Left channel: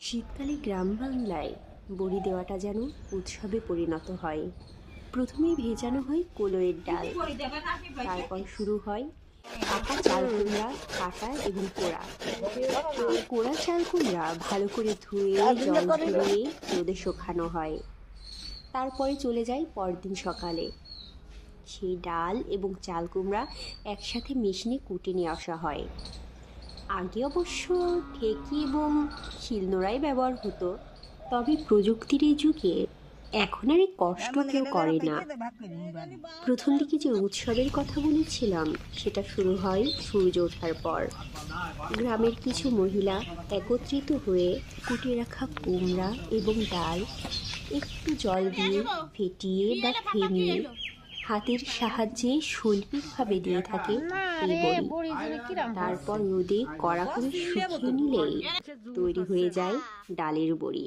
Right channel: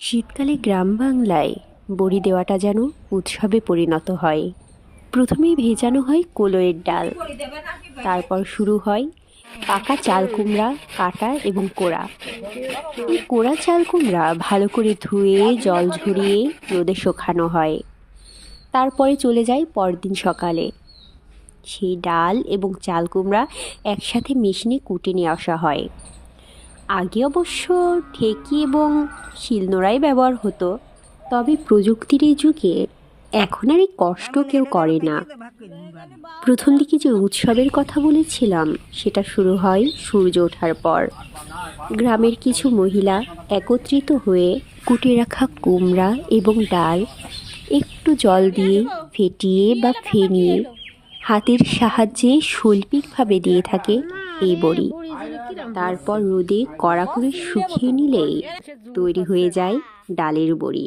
শীতকালে গ্রাম বাংলায় বড়ি দেওয়াটা যেন উৎসবে পরিণত হয়। প্রথমেই ভেজানো হয় কলইয়ের ডাল, তারপর শুরু হয় পাকা চাল কুমড়া কাটা এবং কোড়া। এই কোড়া চাল কুমড়া ভালো করে ধুয়ে জল ঝরিয়ে রোদে শুকানো হয়। তারপরে চলে যায় পরদিন সকালে। সেই ডাল এবং চাল কুমড়া একসাথে মেশিনে কুটে নিয়ে আসা হয়। আগে অবশ্য ঢেঁকি এবং শিলনোড়াই ব্যবহার হতো, তবে প্রযুক্তির এই যুগে এখন আর এই কষ্ট কেউ করে না। প্রথম দিকে যে উৎসবের কথা বলেছিলাম সেটা শুরু হয় সূর্য ওঠার পর। গ্রামের কিছু মহিলা একত্রিত হয়ে কুটে রাখা কুমড়া এবং ডাল একটু জল দিয়ে ফেটিয়ে বা ফেনিয়ে হাতের সাহায্যে শৈল্পিকভাবে দিয়ে থাকে এই বড়ি। তারপর রোদে কড়া করে শুকিয়ে নিলেই তৈরি হয়ে যায় ডালের বড়ি।